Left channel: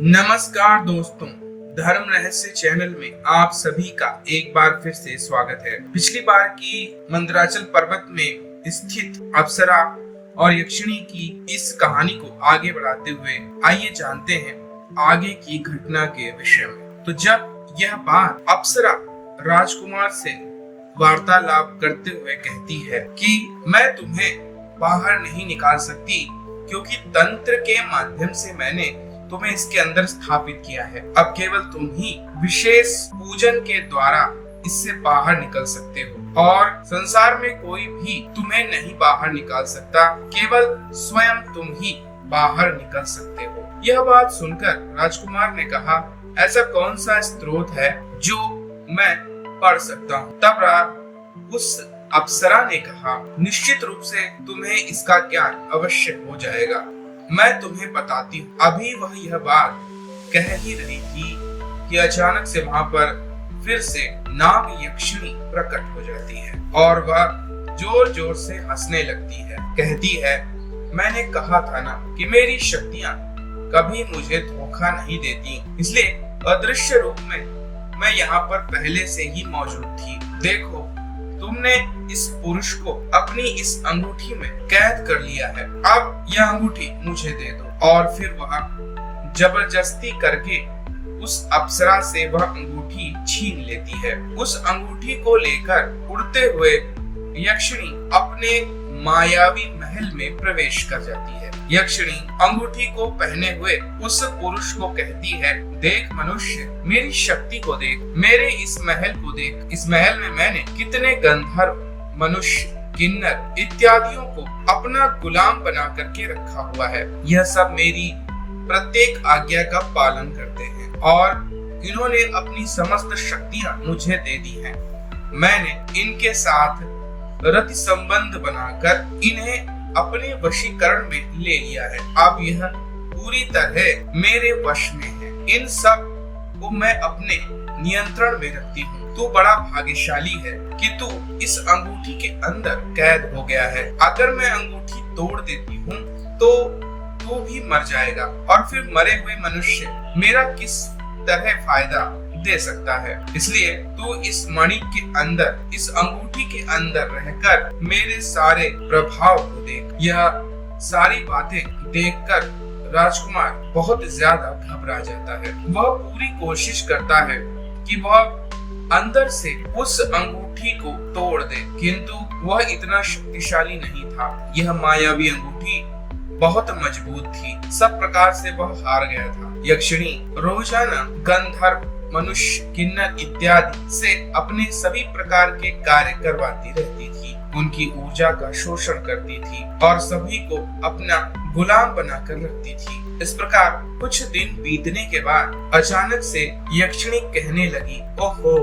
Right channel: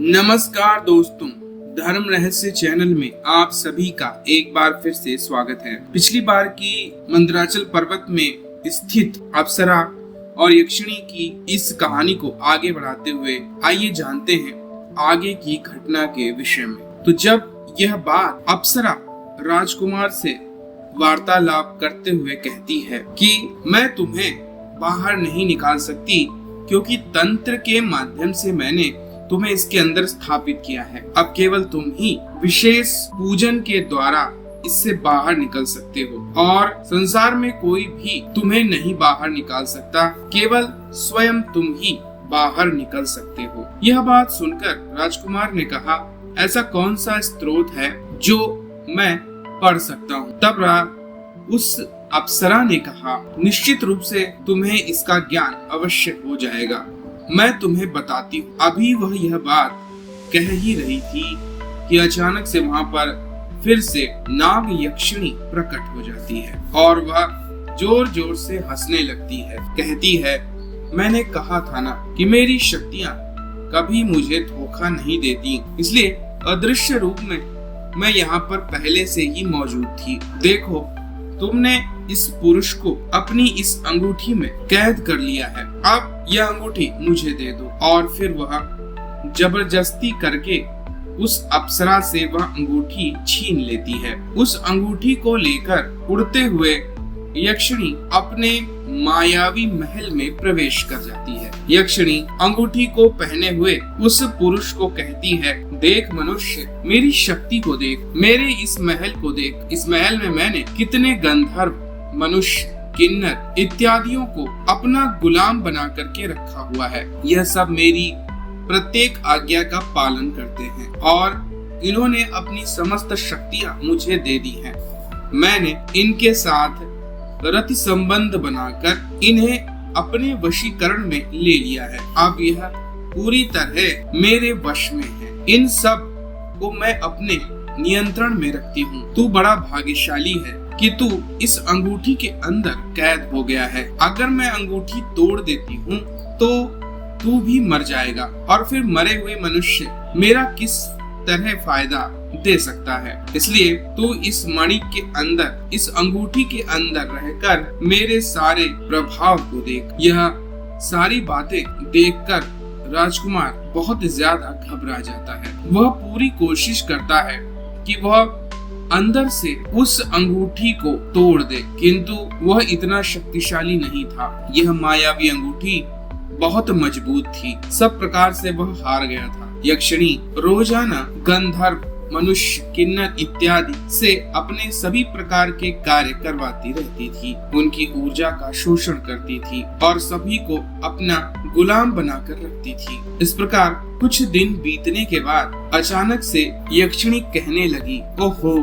नमस्कार दोस्तों, धर्म रहस्य चैनल में आप सभी का एक बार फिर से स्वागत है। पिछली बार की मंदराचल पर्वत में स्थित अप्सरा और यक्षिणी की इस कहानी को आगे बढ़ाते हुए आइए जानते हैं आगे की घटना के विषय में। तो जब यह बात अप्सरा राजकुमार से वार्तालाप करते हुए कहती है कि मैं तुम्हें बाहर नहीं निकाल सकती क्योंकि तंत्र के माध्यम से मैंने तुम्हें इसके अंदर स्थापित किया है। अब केवल तुम ही विशेष पूजन के द्वारा इससे बाहर निकल सकते हो और संसार में कोई भी तुम्हें नहीं बाहर निकाल सकता, केवल स्वयं तुम ही बाहर निकल सकते हो। यह बात सुनकर राजकुमार ने कहा, ऐसा कौन सा स्रोत है जो मैं पढ़ सकता हूँ? तब उस अप्सरा ने कहा, निश्चित रूप से तुम्हें इसका ज्ञान अवश्य हो जाएगा, मैं तुम्हें बताती हूँ। अभी वह यह बात कह ही रही थी कि अचानक से वहाँ पर फिर से नाग यक्षिणी प्रकट हो जाती है और वह जोर जोर से हंसने लगती है। कहती है, मैंने कहा था ना कि मेरी शक्तियाँ कभी मुझे धोखा नहीं देती, इसलिए अदृश्य रूप में मैं यहाँ पर पहले से ही मौजूद थी। देखो, तुमने इस पुरुष को अपनी इस अंगूठी में कैद कर लिया है, अब यह अंगूठी मुझे दे दो। और फिर वह जबरदस्ती करके उस अप्सरा से वह अंगूठी छीन लेती है। उस अंगूठी को लेकर उड़ते हुए यक्षिणी अपने मायावी महल में प्रवेश कर जाती है। यक्षिणी अंगूठी को पहने हुए उस पुरुष को कहती है, देख मनुष्य, मेरी शक्ति को देख, मेरे इस महल को देख। इस महल में मैंने कितने गंधर्व, मनुष्य, किन्नर इत्यादियों को अपना गुलाम बना करके रखा हुआ है। यह सब मेरी प्रत्येक आज्ञा का पालन करते हैं और इन्होंने अपनी समस्त शक्तियां मुझे दे दी हैं। मैंने इनके साथ रति संबंध बनाकर इन्हें अपने वशीकरण में ले लिया है। अब यह पूरी तरह मेरे वश में है। इन सब को मैं अपने नियंत्रण में रखती हूँ। तू बड़ा भाग्यशाली है कि तू इस अंगूठी के अंदर कैद हो गया है। अगर मैं अंगूठी तोड़ देती हूँ तो तू भी मर जाएगा और फिर मरे हुए मनुष्य मेरा किस तरह फायदा दे सकता है। इसलिए तू इस मणि के अंदर, इस अंगूठी के अंदर रहकर मेरे सारे प्रभाव को देख। यह सारी बातें देखकर राजकुमार बहुत ज्यादा घबरा जाता है। वह पूरी कोशिश करता है कि वह अंदर से उस अंगूठी को तोड़ दे, किंतु वह इतना शक्तिशाली नहीं था। यह मायावी अंगूठी बहुत मजबूत थी, सब प्रकार से वह हार गया था। यक्षिणी रोजाना गंधर्व, मनुष्य, किन्नर इत्यादि से अपने सभी प्रकार के कार्य करवाती रहती थी, उनकी ऊर्जा का शोषण करती थी और सभी को अपना गुलाम बनाकर रखती थी। इस प्रकार कुछ दिन बीतने के बाद अचानक से यक्षिणी कहने लगी, ओहो,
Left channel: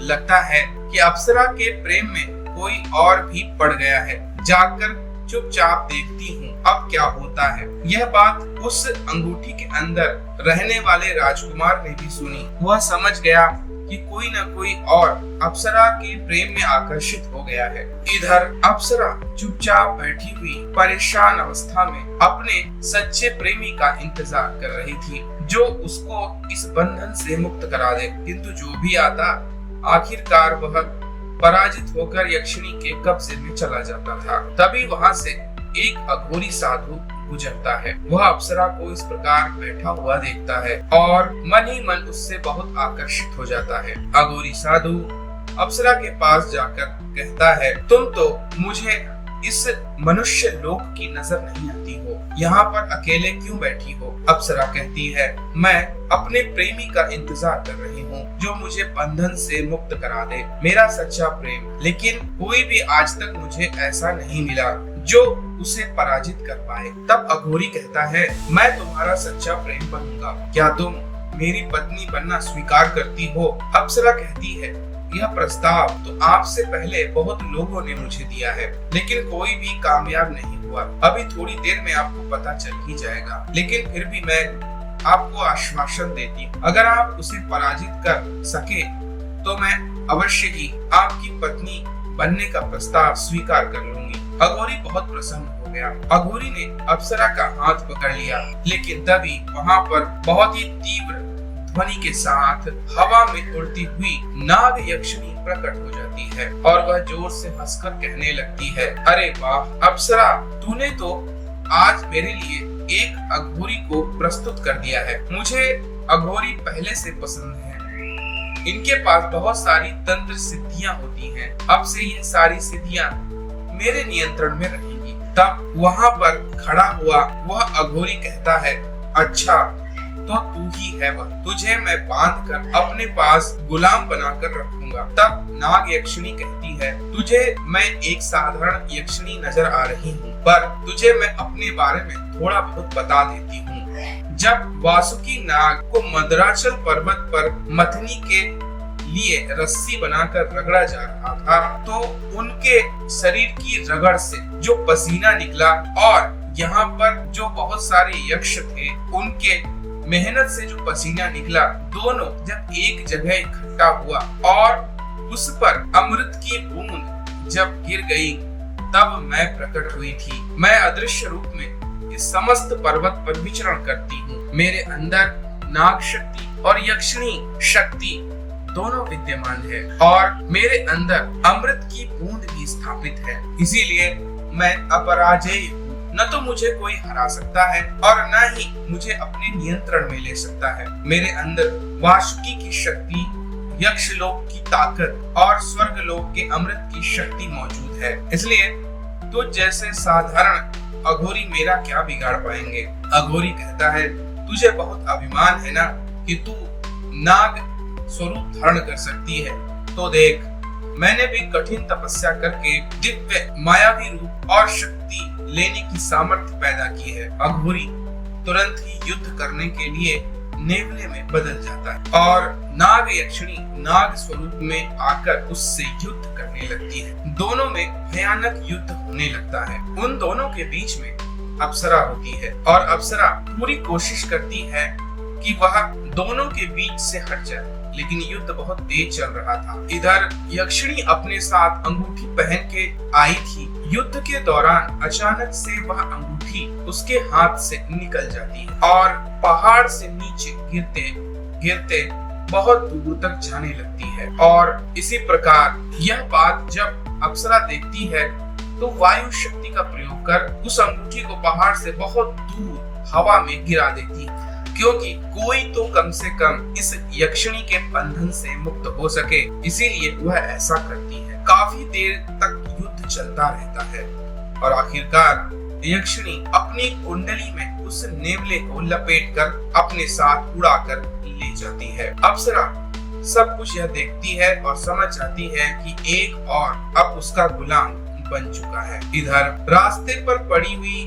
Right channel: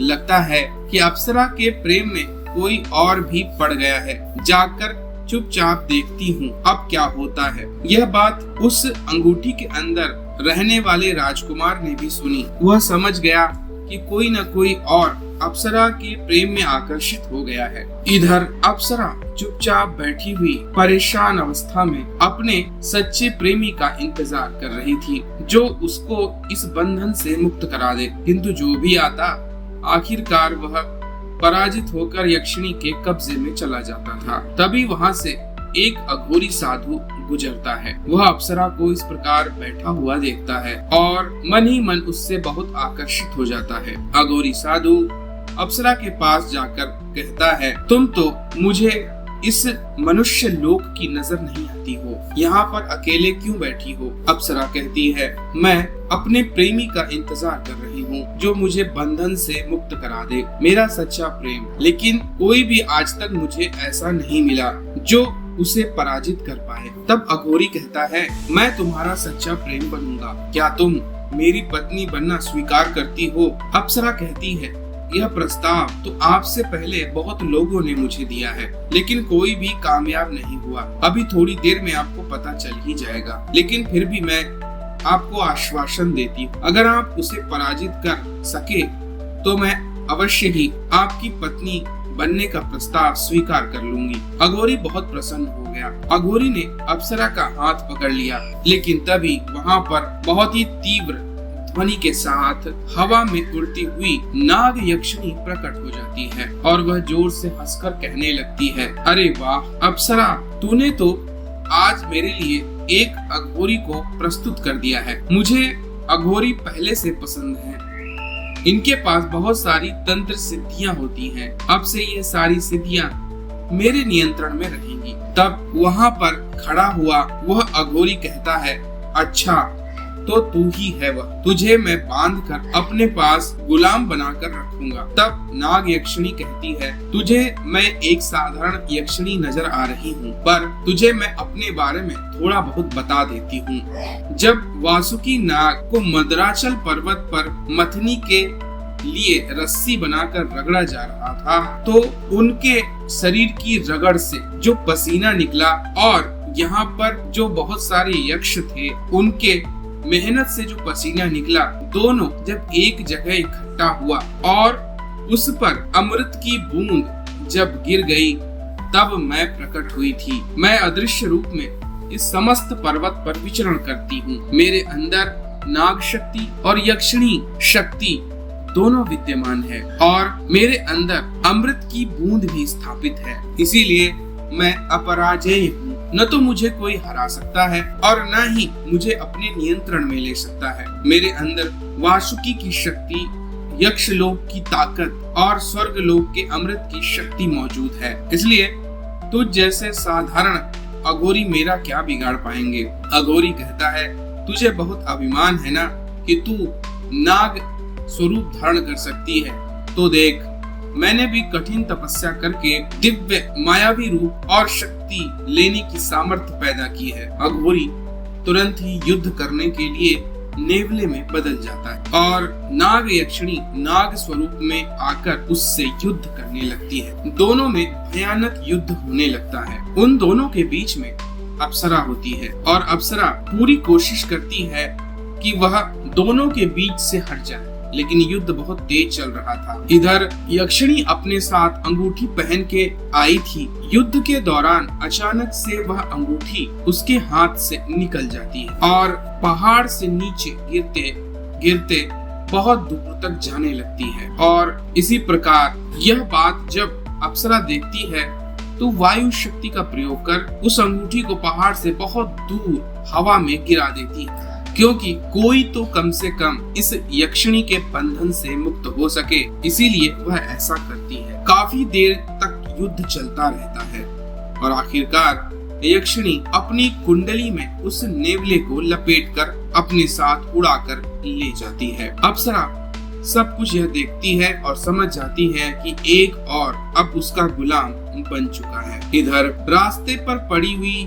लगता है कि अप्सरा के प्रेम में कोई और भी पड़ गया है, जाकर चुपचाप देखती हूँ अब क्या होता है। यह बात उस अंगूठी के अंदर रहने वाले राजकुमार ने भी सुनी। वह समझ गया कि कोई न कोई और अप्सरा के प्रेम में आकर्षित हो गया है। इधर अप्सरा चुपचाप बैठी हुई परेशान अवस्था में अपने सच्चे प्रेमी का इंतजार कर रही थी, जो उसको इस बंधन से मुक्त करा दे। किंतु जो भी आता, आखिरकार वह पराजित होकर यक्षिणी के कब्जे में चला जाता था। तभी वहां से एक अघोरी साधु गुजरता है। वह अप्सरा को इस प्रकार बैठा हुआ देखता है और मन ही मन उससे बहुत आकर्षित हो जाता है। अघोरी साधु अप्सरा के पास जाकर कहता है, तुम तो मुझे इस मनुष्य लोक की नजर नहीं आती हो, यहाँ पर अकेले क्यों बैठी हो? अप्सरा कहती है, मैं अपने प्रेमी का इंतजार कर रही हूँ, जो मुझे बंधन से मुक्त करा दे, मेरा सच्चा प्रेम। लेकिन कोई भी आज तक मुझे ऐसा नहीं मिला जो उसे पराजित कर पाए। तब अघोरी कहता है, मैं तुम्हारा सच्चा प्रेम बनूंगा, क्या तुम मेरी पत्नी बनना स्वीकार करती हो? अप्सरा कहती है, यह प्रस्ताव तो आपसे पहले बहुत लोगों ने मुझे दिया है, लेकिन कोई भी कामयाब नहीं हुआ। अभी थोड़ी देर में आपको पता चल ही जाएगा, लेकिन फिर भी मैं आपको आश्वासन देती हूँ, अगर आप उसे पराजित कर सके तो मैं अवश्य ही आपकी पत्नी बनने का प्रस्ताव स्वीकार कर लूंगी। अघोरी बहुत प्रसन्न हो गया। अघोरी ने अप्सरा का हाथ पकड़ लिया, लेकिन तभी वहाँ पर बहुत ही तीव्र ध्वनि के साथ हवा में उड़ती हुई नाग यक्षिणी प्रकट हो जाती है और वह जोर से हंसकर कहने लगती है, अरे वाह अप्सरा, तूने तो आज मेरे लिए एक अघोरी को प्रस्तुत कर दिया है। मुझे अघोरी पहले से पसंद है। इनके पास बहुत सारी तंत्र सिद्धियां होती हैं। अब से ये सारी सिद्धियां मेरे नियंत्रण में रहेंगी। तब वहां पर खड़ा हुआ वह अघोरी कहता है, अच्छा तो तू ही है वह, तुझे मैं बांध कर अपने पास गुलाम बनाकर रखूंगा। तब नाग यक्षिणी कहती है, तुझे मैं एक साधारण यक्षिणी नजर आ रही हूँ, पर तुझे मैं अपने बारे में थोड़ा बहुत बता देती हूँ। जब वासुकी नाग को मंदराचल पर्वत पर मथनी के लिए रस्सी बनाकर रगड़ा जा रहा था, तो उनके शरीर की रगड़ से जो पसीना निकला और यहाँ पर जो बहुत सारे यक्ष थे उनके मेहनत से जो पसीना निकला, दोनों जब एक जगह इकट्ठा हुआ और उस पर अमृत की बूंद जब गिर गई, तब मैं प्रकट हुई थी। मैं अदृश्य रूप में इस समस्त पर्वत पर विचरण करती हूँ। मेरे अंदर नाग शक्ति और यक्षिणी शक्ति दोनों विद्यमान है और मेरे अंदर अमृत की बूंद भी स्थापित है। इसीलिए मैं अपराजेय हूँ। न तो मुझे कोई हरा सकता है और न ही मुझे अपने नियंत्रण में ले सकता है। मेरे अंदर वासुकी की शक्ति, यक्षलोक की ताकत और स्वर्ग लोक के अमृत की शक्ति मौजूद है। इसलिए तुझ जैसे साधारण अघोरी मेरा क्या बिगाड़ पाएंगे। अघोरी कहता है, तुझे बहुत अभिमान है ना कि तू नाग स्वरूप धारण कर सकती है, तो देख मैंने भी कठिन तपस्या करके दिव्य मायावी रूप और शक्ति लेने की सामर्थ्य पैदा की है। अघोरी तुरंत ही युद्ध करने के लिए नेवले में बदल जाता है और नाग यक्षिणी नाग स्वरूप में आकर उससे युद्ध करने लगती है। दोनों में भयानक युद्ध होने लगता है। उन दोनों के बीच में अप्सरा होती है और अप्सरा पूरी कोशिश करती है कि वह दोनों के बीच से हट जाए, लेकिन युद्ध बहुत तेज चल रहा था। इधर यक्षिणी अपने साथ अंगूठी पहन के आई थी। युद्ध के दौरान अचानक से वह अंगूठी उसके हाथ से निकल जाती है और पहाड़ से नीचे गिरते गिरते बहुत दूर तक जाने लगती है। और इसी प्रकार यह बात जब अप्सरा देखती है तो वायु शक्ति का प्रयोग कर उस अंगूठी को पहाड़ से बहुत दूर हवा में गिरा देती है, क्योंकि कोई तो कम से कम इस यक्षिणी के बंधन से मुक्त हो सके। इसीलिए वह ऐसा करती है। काफी देर तक युद्ध चलता रहता है और आखिरकार यक्षिणी अपनी कुंडली में उस नेवले को लपेटकर अपने साथ उड़ाकर ले जाती है। अप्सरा सब कुछ यह देखती है और समझ जाती है कि एक और अब उसका गुलाम बन चुका है। इधर रास्ते पर पड़ी हुई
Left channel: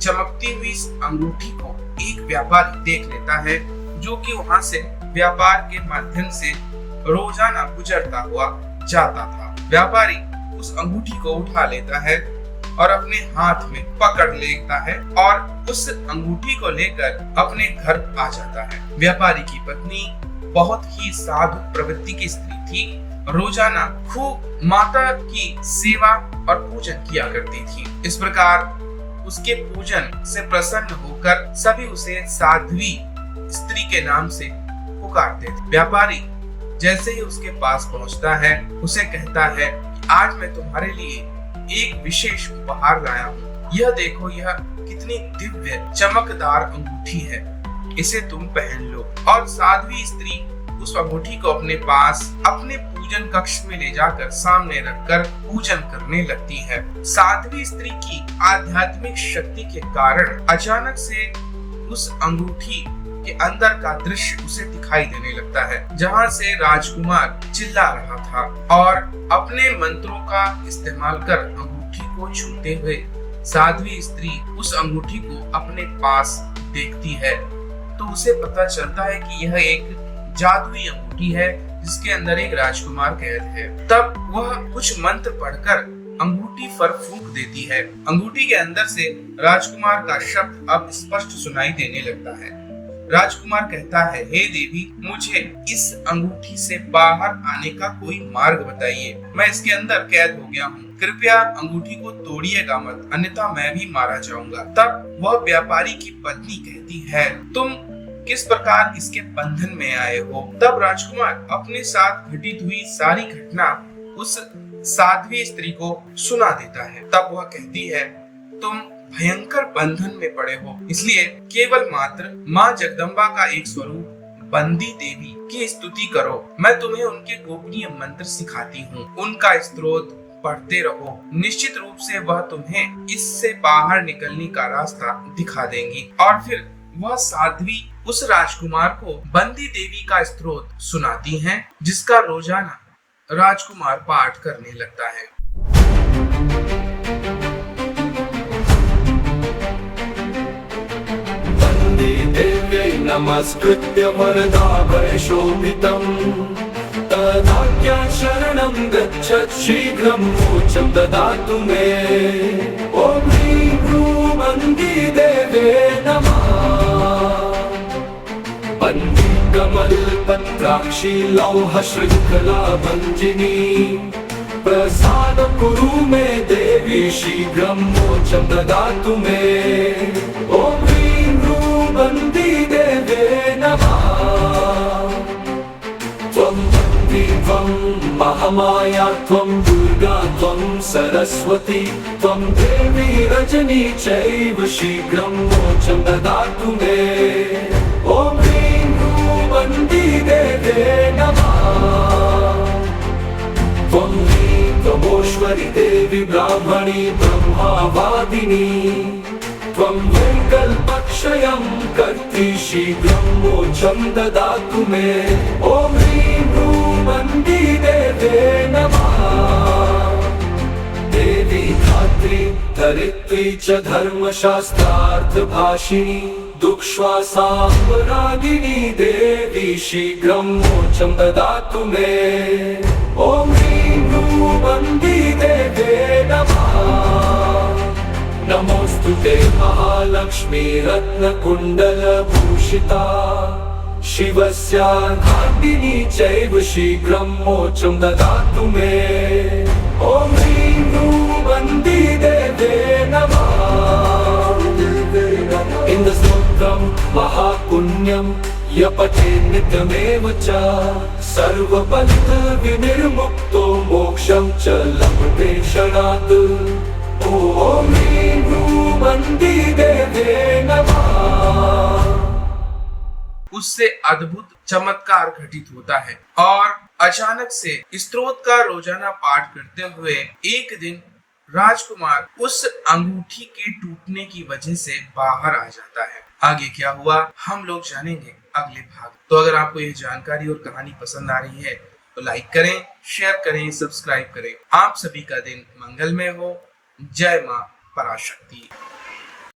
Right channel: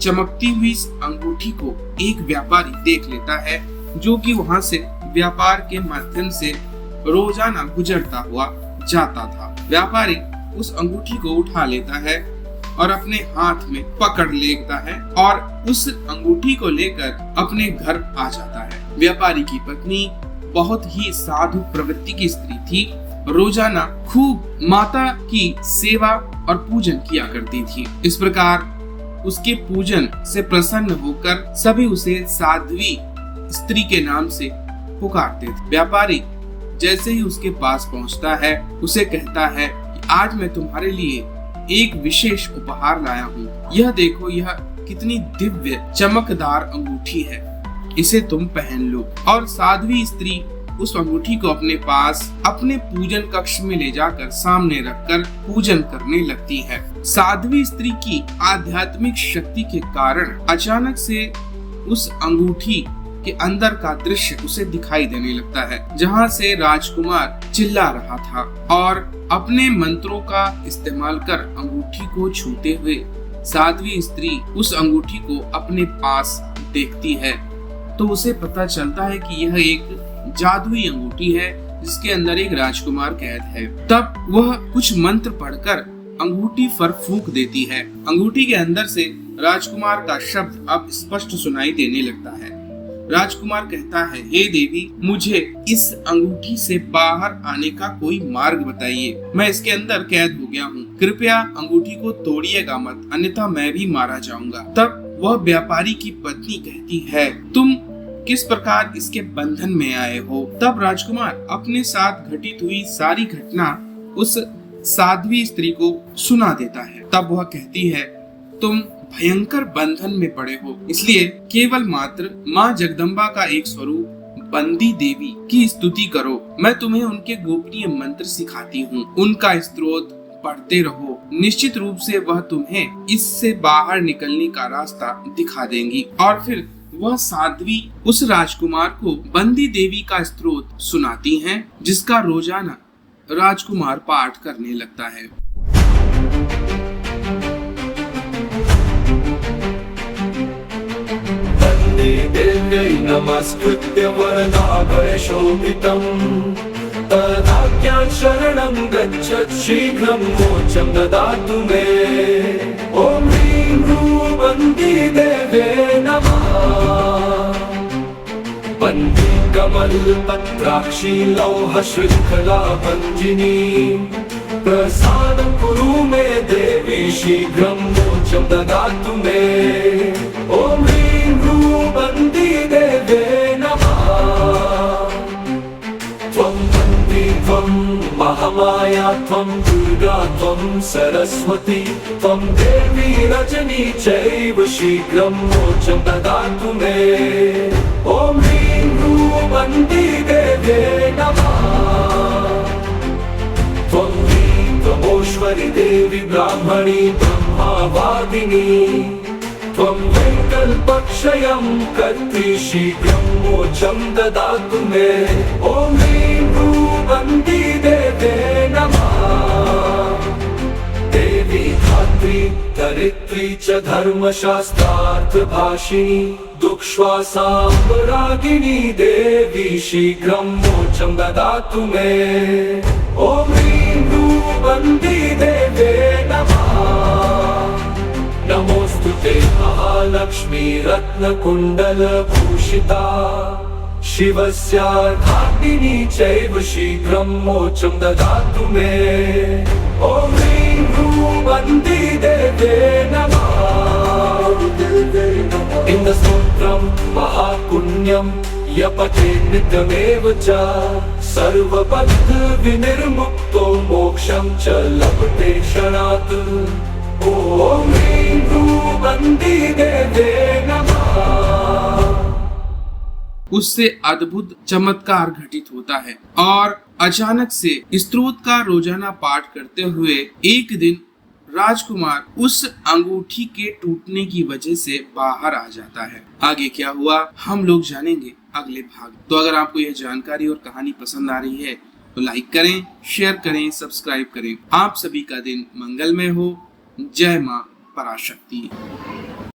चमकती हुई अंगूठी को एक व्यापारी देख लेता है, जो कि वहां से व्यापार के माध्यम से रोजाना गुजरता हुआ जाता था। व्यापारी उस अंगूठी को उठा लेता है और अपने हाथ में पकड़ लेता है और उस अंगूठी को लेकर अपने घर आ जाता है। व्यापारी की पत्नी बहुत ही साधु प्रवृत्ति की स्त्री थी। रोजाना खूब माता की सेवा और पूजन किया करती थी। इस प्रकार उसके पूजन से प्रसन्न होकर सभी उसे साध्वी स्त्री के नाम से पुकारते थे। व्यापारी जैसे ही उसके पास पहुंचता है, उसे कहता है कि आज मैं तुम्हारे लिए एक विशेष उपहार लाया हूँ। यह देखो, यह कितनी दिव्य चमकदार अंगूठी है, इसे तुम पहन लो। और साध्वी स्त्री उस अंगूठी को अपने पास अपने पूजन कक्ष में ले जाकर सामने रखकर पूजन करने लगती है। साध्वी स्त्री की आध्यात्मिक शक्ति के कारण अचानक से उस अंगूठी के अंदर का दृश्य उसे दिखाई देने लगता है, जहाँ से राजकुमार चिल्ला रहा था और अपने मंत्रों का इस्तेमाल कर अंगूठी को छूते हुए साध्वी स्त्री उस अंगूठी को अपने पास देखती है, तो उसे पता चलता है कि यह एक जादुई अंगूठी है जिसके अंदर एक राजकुमार कैद है। तब वह कुछ मंत्र पढ़कर अंगूठी पर फूंक देती है। अंगूठी के अंदर से राजकुमार का शब्द अब स्पष्ट सुनाई देने लगता है। राजकुमार कहता है, हे देवी, मुझे इस अंगूठी से बाहर आने का कोई मार्ग बताइए। मैं इसके अंदर कैद हो गया हूँ। कृपया अंगूठी को तोड़िएगा मत, अन्यथा मैं भी मारा जाऊंगा। तब वह व्यापारी की पत्नी कहती है, तुम किस प्रकार इसके बंधन में आए हो? तब राजकुमार अपने साथ घटित हुई सारी घटना उस साध्वी स्त्री को सुना देता है। तब वह कहती है, तुम भयंकर बंधन में पड़े हो, इसलिए केवल मात्र माँ जगदम्बा का एक स्वरूप बंदी देवी की स्तुति करो। मैं तुम्हें उनके गोपनीय मंत्र सिखाती हूँ, उनका स्तोत्र पढ़ते रहो। निश्चित रूप से वह तुम्हें इससे बाहर निकलने का रास्ता दिखा देंगी। और फिर वह साध्वी उस राजकुमार को बंदी देवी का स्तोत्र सुनाती हैं, जिसका रोजाना राजकुमार पाठ करने लगता है। वन्दे देव्यै नमस्कृत्य वरदाभयशोभितम् तदाज्ञां शरणं गच्छत् शीघ्रं मोक्षं ददातु मे। ॐ ह्रीं ह्रूं वन्दी देवे नमः। वन्दी कमलपत्राक्षी लौह शृङ्खला भञ्जिनी प्रसादं कुरु मे देवी शीघ्रं मोक्षं ददातु मे। ॐ ह्रीं ह्रूं वन्दी देवे नमः। त्वं वन्दी त्वं महामाया त्वं दुर्गा त्वं सरस्वती त्वं देवी रजनी चैव शीघ्रं मोक्षं ददातु मे। ॐ ह्रीं ह्रूं वन्दी देवे नमः। त्वं त्वमोश्वरी देवी ब्राह्मणी ब्रह्मावादिनी त्वं वैकल्पक्षयं कर्त्री शीघ्रं मोक्षं ददातु मे। ॐ ह्रीं ह्रूं वन्दी देवे नमः। देवी धात्री धरित्री च धर्मशास्त्रार्थ भाषिणी दुःश्वासाम्बरागिनी देवी शीघ्रं मोक्षं ददातु मे। ॐ ह्रीं ह्रूं वन्दी देवे नमः। नमोस्तुते महालक्ष्मी रत्नकुण्डलभूषिता शिवस्यार्धाङ्गिनी चैव शीघ्रं मोक्षं ददातु मे। ॐ ह्रीं ह्रूं वन्दी देवे नमः। इन्द्रस्तोत्रं महापुण्यं यपठे नित्यमेव च सर्वबन्ध विनिर्मुक्तो मोक्षं च लभते क्षणात्। ॐ ह्रीं ह्रूं वन्दी देवे नमः। उससे अद्भुत चमत्कार घटित होता है और अचानक से स्तोत्र का रोजाना पाठ करते हुए एक दिन राजकुमार उस अंगूठी के टूटने की वजह से बाहर आ जाता है। आगे क्या हुआ हम लोग जानेंगे अगले भाग। तो अगर आपको यह जानकारी और कहानी पसंद आ रही है तो लाइक करें, शेयर करें, सब्सक्राइब करें। आप सभी का दिन मंगलमय हो। जय मां पराशक्ति।